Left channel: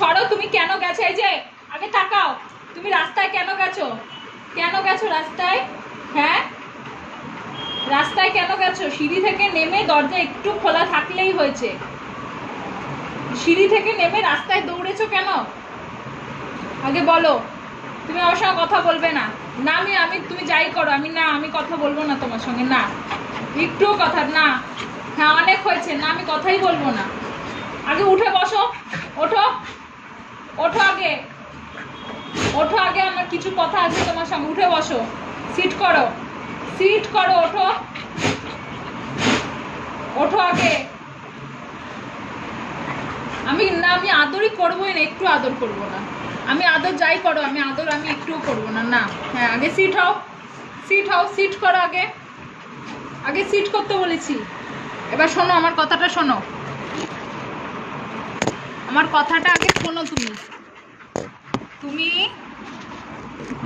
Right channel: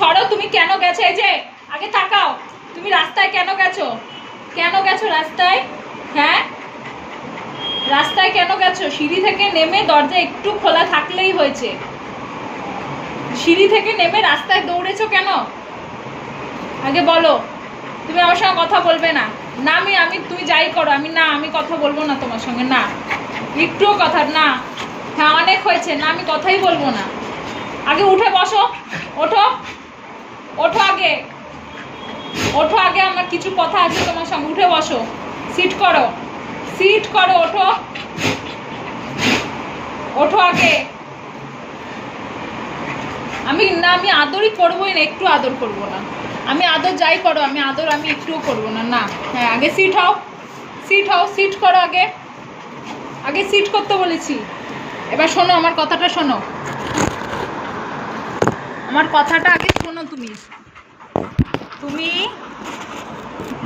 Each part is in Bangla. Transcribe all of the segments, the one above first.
সরো, তুমি কেন গেছো? এই যে আগে তাকাও, তুমি রাস্তায় কেন গেছো? কেন গেছো রাস্তায়? হ্যাঁ, রাস্তায় কেন গেছো? সিঁড়ি থেকে নেমে দরজা একটু খোলা থাকলেই হয়েছে, সিঁড়ি থেকে নেমে রাস্তায় দৌড়েছো কেন? আগে বলো। তুমি আমার সঙ্গে কথা বলবে না। না, আমি তুমি যাই করো, আমি কথা বলবো না তোমার সঙ্গে, না একটুও কথা না। হ্যাঁ, অনেক হয়েছে, না আমি কথাই বলবো না। আগে উঠে বসো, ওঠো ওঠো, আগে ওঠো, আগে আমার কিছু কথা আছে তোমার সঙ্গে। উঠে বসো, সিট করো, সিট করো, ওঠো ওঠো আগে। আমি আদরই করবোই না, একটু আদর করবো না। আমি আদর যাই করো, আমি একটুও করবো না, না। হ্যাঁ, আগে সিট হও, সিট হও, সিট করো আগে, আগে সিট করতে বলেছি। এবার শোনো আমার কথাটা, শোনো আমার কথাটা আগে শোনো। তুমি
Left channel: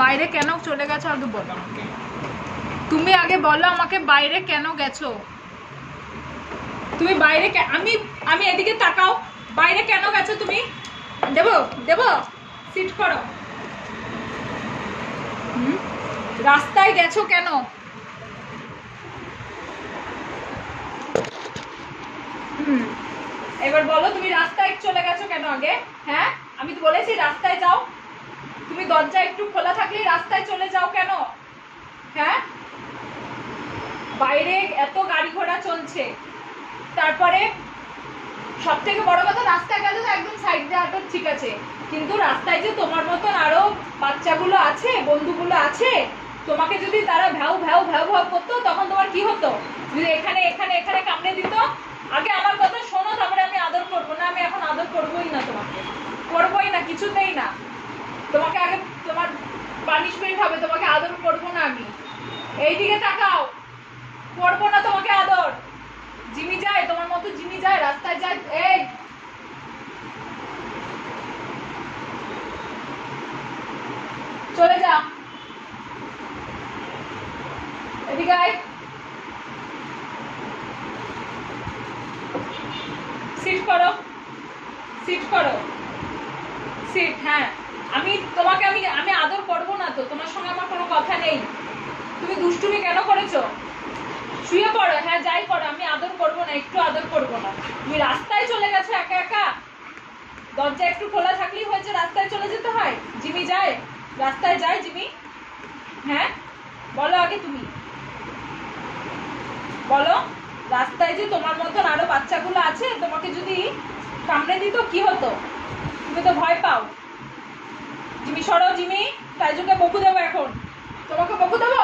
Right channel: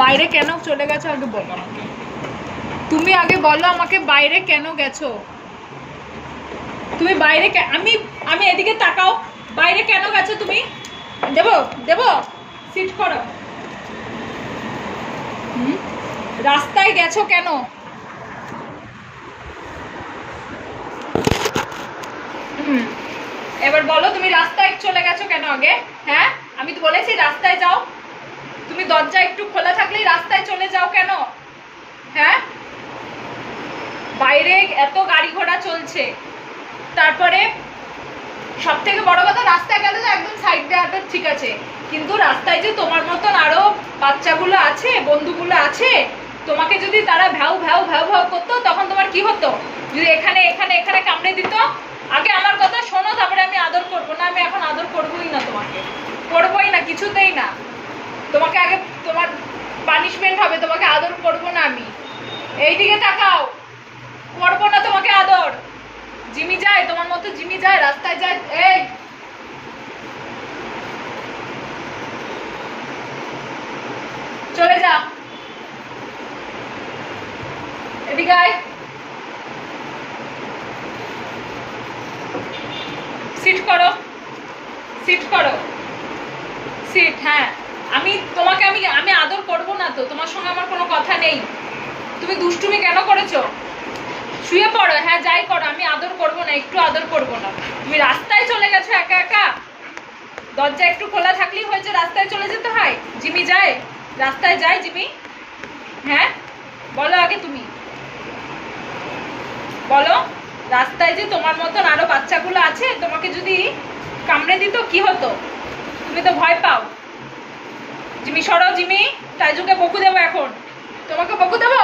বাইরে কেন চলে গেছো আগে বলো আমাকে। তুমি আগে বলো আমাকে, বাইরে কেন গেছো? তুমি বাইরে আমি এদিকে তাকাও, বাইরে কেন গেছো তুমি? দেবো সিট করো। রাস্তায় গেছো কেন? এবার বলো, তুমি রাস্তায় চলে গেছো কেন আগে? হ্যাঁ, আমি তো বলেছি রাস্তায় যাও। তুমি দরজা একটু খোলা থাকলেই রাস্তায় চলে যাও কেন? হ্যাঁ, বাইরে এত গাড়ি ঘোড়া চলছে, তারপরে সব থেকে বড় কথা, রাস্তায় গেলে তো একদম সাইড দেওয়াটা ঠিক আছে, কিন্তু রাস্তায় যে তোমার মতন আরো বাচ্চাগুলো আছে, বন্ধুগুলো আছে, তোমাকে যদি তারা ভ্যাউ ভ্যাউ ভ্যাউ ভ্যাউ করতো, তখন তোমার কি হতো? যদি এখানে এখানে এখানে কামড়ে দিত। আগে আমার কথা শোনো, তারপরে আমি আদর করবো না। আমি এখন আদর করবোই না, তোমাকে করবোই না, কিছুতেই না। তোমাকে আগে তোমার পানিশমেন্ট হবে, তোমাকে আদর করবো না আমি। এইদিকে তাকাও, করবো না তোমাকে আদর। জিমি যায় তোমার মতো, জিমি যায় রাস্তায় যায়। এই চলে যা, এদিকে আয়, সিট করো, সিট করো, সিট। হ্যাঁ, তোমাকে আমি আদর করবো না তো, তোমার সঙ্গে আমার কোনো কথা নেই। তুমি দুষ্টুমি কেন করেছো? শুয়ে পড়ো, হ্যাঁ যাই করো, আমি আদর করবো না, একটু আদর করবো না। তুমি রাস্তায় চলে গেছো একা একা, দরজা একটু খোলা থাকলেই হয়েছে রাস্তায় চলে যেতে হয়? জিমি যায় রাস্তায়, যায় জিমি? হ্যাঁ, বলো আগে, তুমি বলো, রাস্তায় যে তোমার মতন আরো বাচ্চাগুলো আছে, তোমাকে যদি কামড়ে দিত কি হতো? তুমি তো ভয় পাও। জিমি সরো, জিমি, টাইজুকে বকু দেবো এখন, তোমাকে বকু দেবো।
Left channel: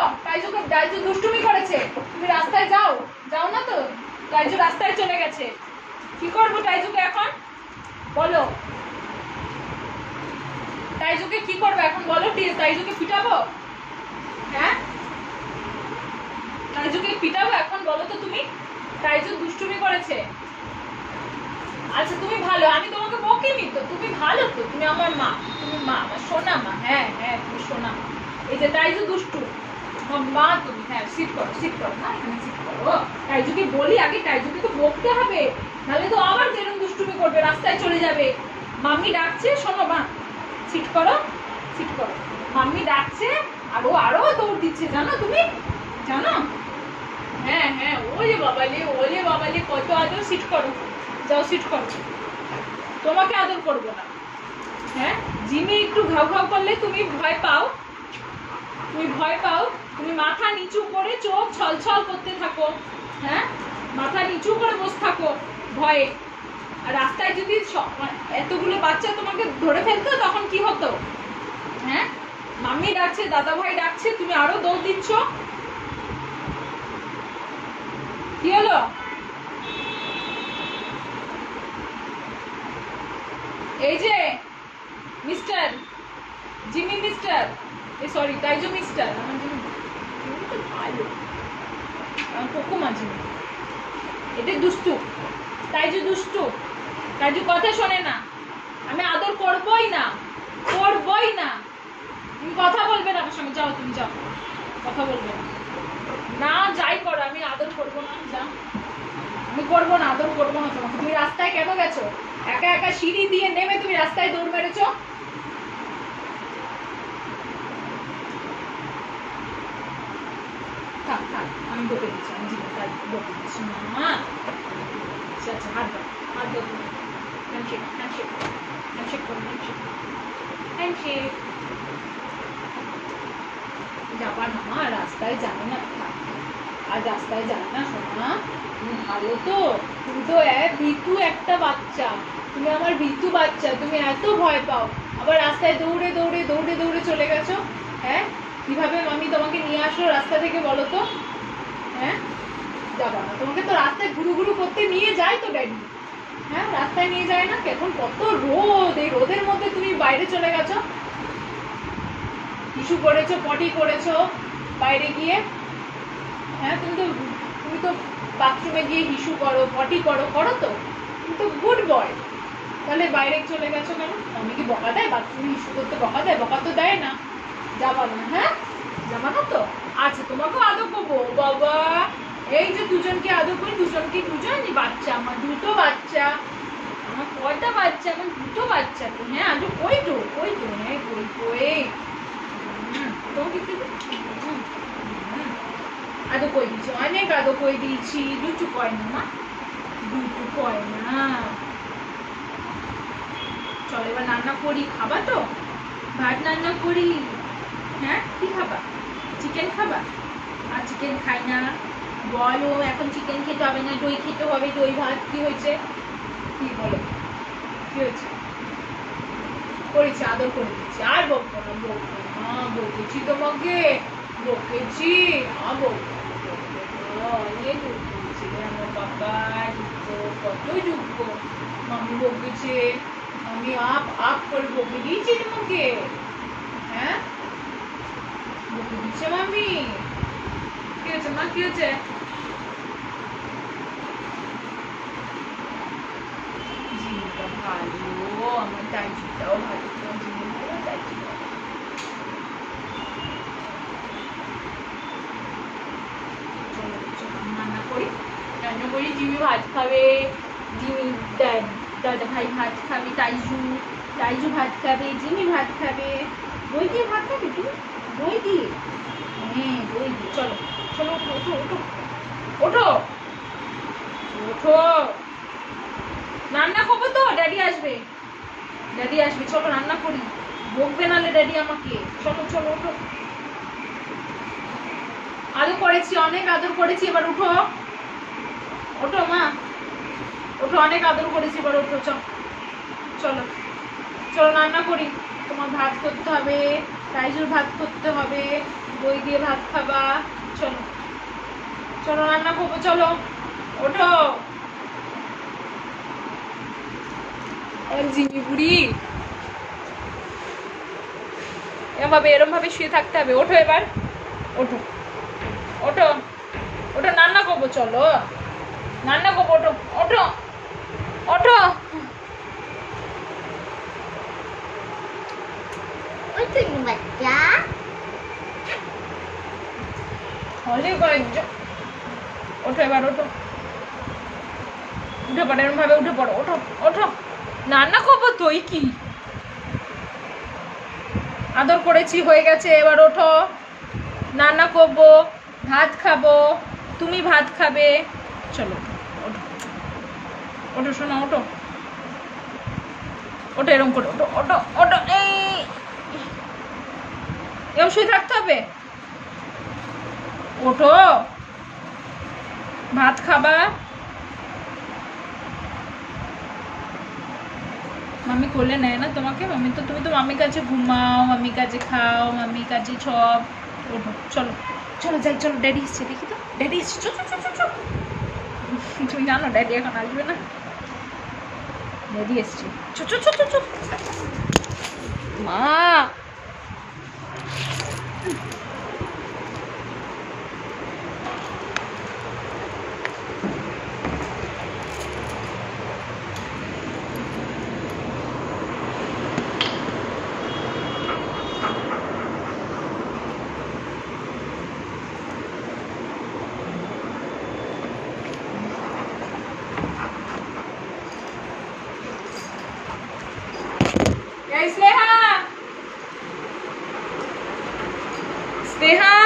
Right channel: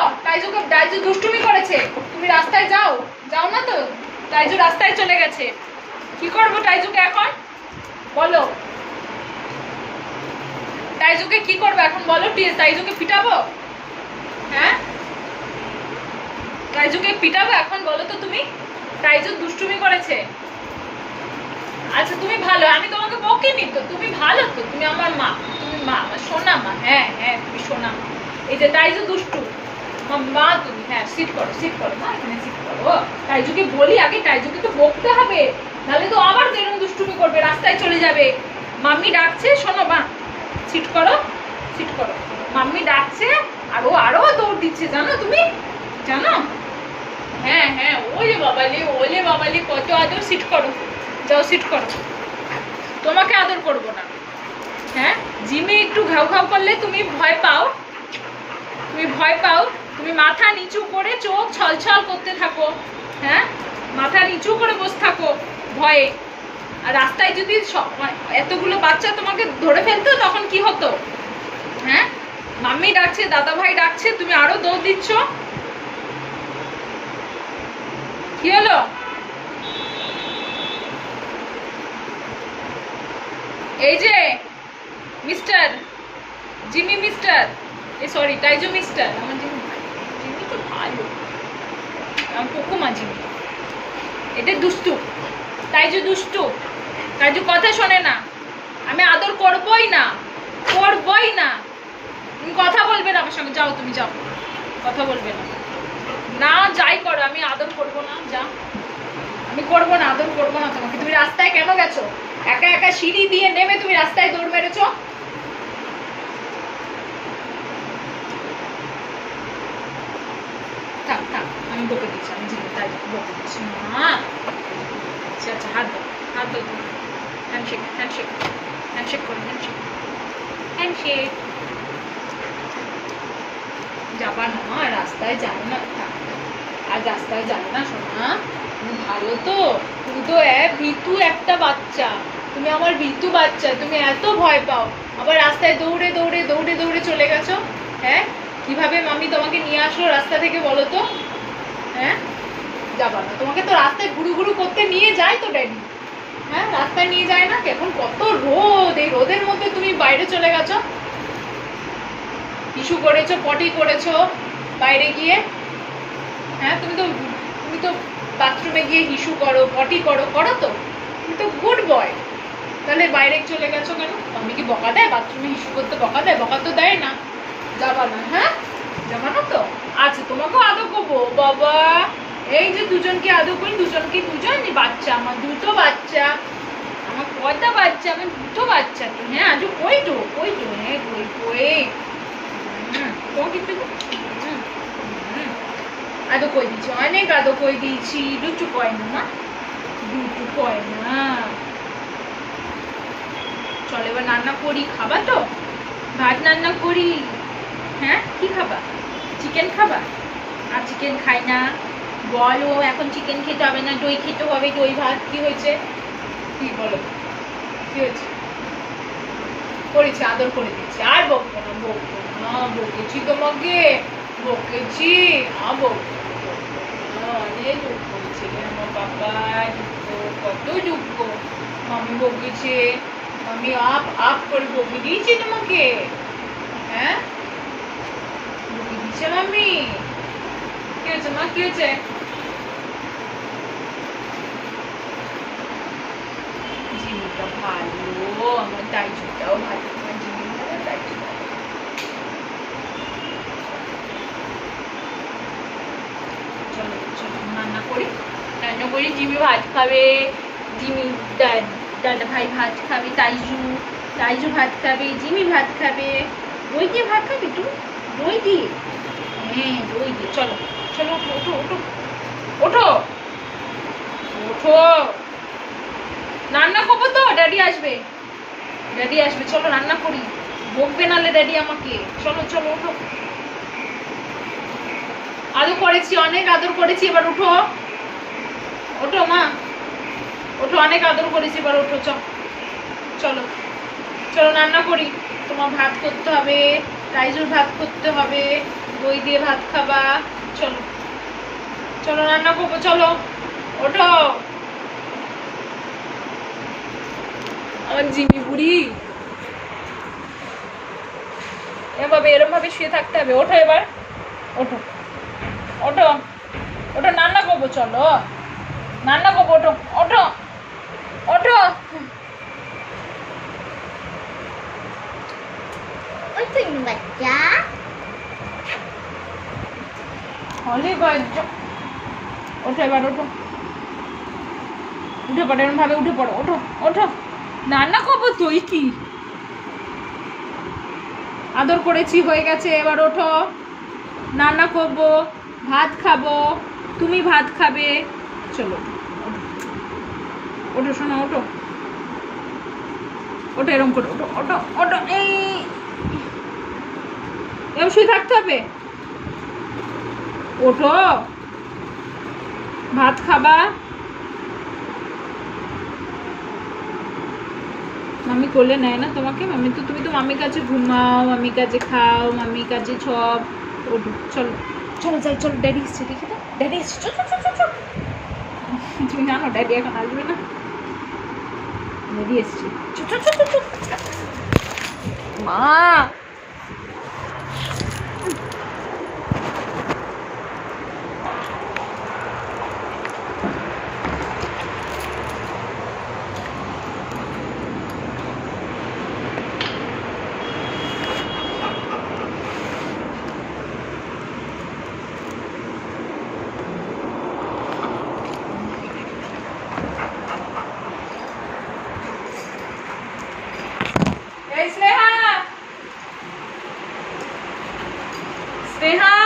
টাইজু দুষ্টুমি করেছে, তুমি রাস্তায় যাও, যাও না তো। টাইজু রাস্তায় চলে গেছে, কি করবো টাইজুকে এখন বলো? টাইজুকে কি করবো এখন বলো? টাইজুকে পিটাবো? হ্যাঁ, টাইজুকে পিটাবো এখন বলো তো তুমি? টাইজু দুষ্টুমি করেছে। আচ্ছা তুমি ভালো, আমি তোমাকে বকিনি তো, তুমি ভালো তো, তুমি আমার মা, তুমি মা, আমার সোনা মা। হ্যাঁ হ্যাঁ, তুমি সোনা মা। এই যে টাইজু দুষ্টু, আমার মা তুমি। হ্যাঁ, সিট করো, সিট করো, না এখানে সিট করো। টাইজুকে বলি আগে, টাইজুকে তো বকতে হবে, নাহলে তো আবার এরকম দুষ্টুমি করবে, রাস্তায় চলে যাবে। মাম্মি ডাকছে, শোনো মা, সিট করো, সিট করো। মাম্মি ডাকছে, আরো দৌড় দিচ্ছে, জানো তুমি, জানো? হ্যাঁ হ্যাঁ, ওলে বাবালে কত আদর। সিট করো, যাও সিট করো, তোমাকে আদর করবো না। হ্যাঁ, জিমে একটু ঘাউ ঘাউ করলে তুমি ভয় পাও, তুমি মাথা নিচু করে চোখ ছলছল করতে থাকো। হ্যাঁ, মাথা নিচু করে বসে থাকো ভয়ে। আর রাস্তায় যদি এতগুলো বাচ্চা তোমাকে ধরে ফেলতো, তখন কি হতো? হ্যাঁ, মাম্মি ডাকছে, দাদা ভাই ডাকছে, তুমি আরো দৌড় দিচ্ছ, কি হলো? এই যে মিস্টার জিমি, মিস্টার, সরি টাইজু মিস্টার, আমার জিমি তো ভালো, কুকুমা জিমি। এটা দুষ্টু, টাইজু দুষ্টু, টাইজু কথা শোনে না। আমি আদর করবই না, করবই না। তুমি কথা বলবে না আমার সঙ্গে, যাও তুমি যাও, কথা বলবে না। না যাই করো, আমি আদর করবো না, যাও। আমি করবো না, আদর করবো না তোমাকে। তুমি রাস্তায় কেন গেছো? একা একা সিঁড়ি দিয়ে নেমে তুমি রাস্তায় দৌড় মেরেছো? থাক থাক, আমি বকে দিচ্ছি, আমি জিনিস তাই বকে দিচ্ছি না। আচ্ছা আচ্ছা, হাত দাও, হাত দাও তোমার। হ্যান্ডশেক, হ্যান্ডশেক, হ্যান্ডশেক করো, হ্যান্ডশেক, হ্যান্ডশেক। যাবা না মা, রাস্তায় যাবে না, থাক। আর রাস্তায় যাবে না সোনা, তুমি ভালো তো? তুমি তো ভীতু একটা বাচ্চা, তুমি আমার ভীতু বাচ্চা, তুমি এত ভয় পাও, আবার রাস্তায় দৌড়ে দৌড়ে দৌড়ে দৌড়ে চলে গেছো। হ্যাঁ, কিভাবে মামি তোমাকে নিয়ে আসলো রাস্তা থেকে বলো তো? হ্যাঁ, যাবা না, তোমাকে তো রাস্তায় ঘুরু ঘুরু করতে নিয়ে যায় তো ড্যাডি। হ্যাঁ, রাস্তায় নিয়ে যায় না? এখন কত রোদ, এই রোদের মধ্যে তুমি বাইরে চলে গেছো, ইস্যু করেছো, পটি করেছো বাইরে গিয়ে। হ্যাঁ, তুমি তো বাথরুমে গিয়ে হিসু করো, পটি করো, করো তো, তুমি তো গুড বয়। তাহলে বাইরে চলে গেছো কেন? আমি কি বকা দেয়? বাথরুমে হিসু করতে বকা দেয়? বকা তো দেয় না। যাবা না? হ্যাঁ, যাবা না তো? আচ্ছা, তোমাকেও আদর করবো বাবা। এই যে দুজনকে আদর করি, দুজনকে, দুজন বাচ্চা, আমার দুটো বাচ্চা, আমার কয়টা বাচ্চা? আমার দুটো বাচ্চা তো। হ্যাঁ, আজ কই তো, কই তো, হ্যাঁ কই কই। তোমাকে একটু আদো কই দিয়েছি, অনেক আদো কই দিয়েছি। দুটো কয় না মা, দুটো কয় না। চল এবার রান্না করি, খাবা তো? ভাত রান্না করি। হ্যাঁ, কি খাবা? চিকেন খাবা? আর চিকেন খাই না বলো, এখন চিকেন খেতে হবে না, দই খেতে হবে, দই ভাত। কি হয়েছে? কি বলো, কি হয়েছে? করেছি, আদর করে দিচ্ছি, আর বকবো না, বকবো না, বকেছি তোমাকে, বকেছি, বকবো না। অনেক দুঃখ হচ্ছে রে আমার বাবা, দুঃখ, কত দুঃখ। মামি বকেছে, মামি আপ করে বকে দিয়েছি তোমাকে। হ্যাঁ, বকে দিচ্ছে মামি। কি হয়েছে মা, কি হয়েছে? জিনিসটা ভালো, আমার দাইটাও ভালো, আমার জিনিস ভালো, দাইটা ভালো। চলো চলো রান্না করি, রান্না করি। জিমি ভাত খাবে, জিমি দাদা ভাই ভাত খাবে, তাইজু ভাত খাবে, জিমি ভাত খাবে। দই দিয়ে ভাত খাবে তুমি? দই দিয়ে? হ্যাঁ, দই দিয়ে। চলো চলো, ওঠো ওঠো ওঠো ওঠো ওঠো, রান্না করবো তো, ড্যাডি আসবে, ড্যাডি আসবে, চলো রান্না করি। বকবে নালে ড্যাডি আমাকে। চলো চলো, ওঠো। আদর করেছি, অনেক আদর করেছি, এবার উঠো, ওঠো মা, ওঠো, অনেক আদর করেছি, এবার ওঠো। চলো চলো রান্না করি। তোমার ভাত করতে হবে, রাইজুর ভাত করতে হবে, দই দিয়ে ভাত খাবা। চলো চলো রান্না করবো, চলো ওঠো। আমার জিমি বুড়ি, এরম ভাবে শুয়ে থাকতে হবে। ওঠো এবার, ওঠো ওঠো ওঠো, রান্না করবো, চলো রান্না করবো, ওঠো ওঠো ওঠো। বাচ্চা অনেক ওঠো এবার, ওঠো, উঠে পড়ো, এরকম ভাবে উঠে পড়ো, ওঠো ওঠো, রান্না করবো তো। কি আদর করেছি, হয়ে গেছে, এবার ওঠো, রান্না করবো, ভাত খাবো, তুমি ভাত খাবে। চলো ওঠো ওঠো শোনো, ওঠো ওঠো, এরকম করে ওঠো ওঠো ওঠো। এই এরকম শুয়ে থাকতে হবে, ওঠো, ভাত খাবা। মাম্মি কোলে নেয় না তোমাকে? মাম্মি তো, তুমি তো মাম্মির কাছে ঘুমাও, মাম্মির কাছে খাও, মাম্মির কাছে সব। ওঠো, চলো চলো যাই, চলো, ড্যাডি এসছে, দেখি তো, ড্যাডি এসছে। তুমি জানো ড্যাডি এখন আসবে না, ড্যাডি এসছে। মা, এই স্নেহা, স্নেহা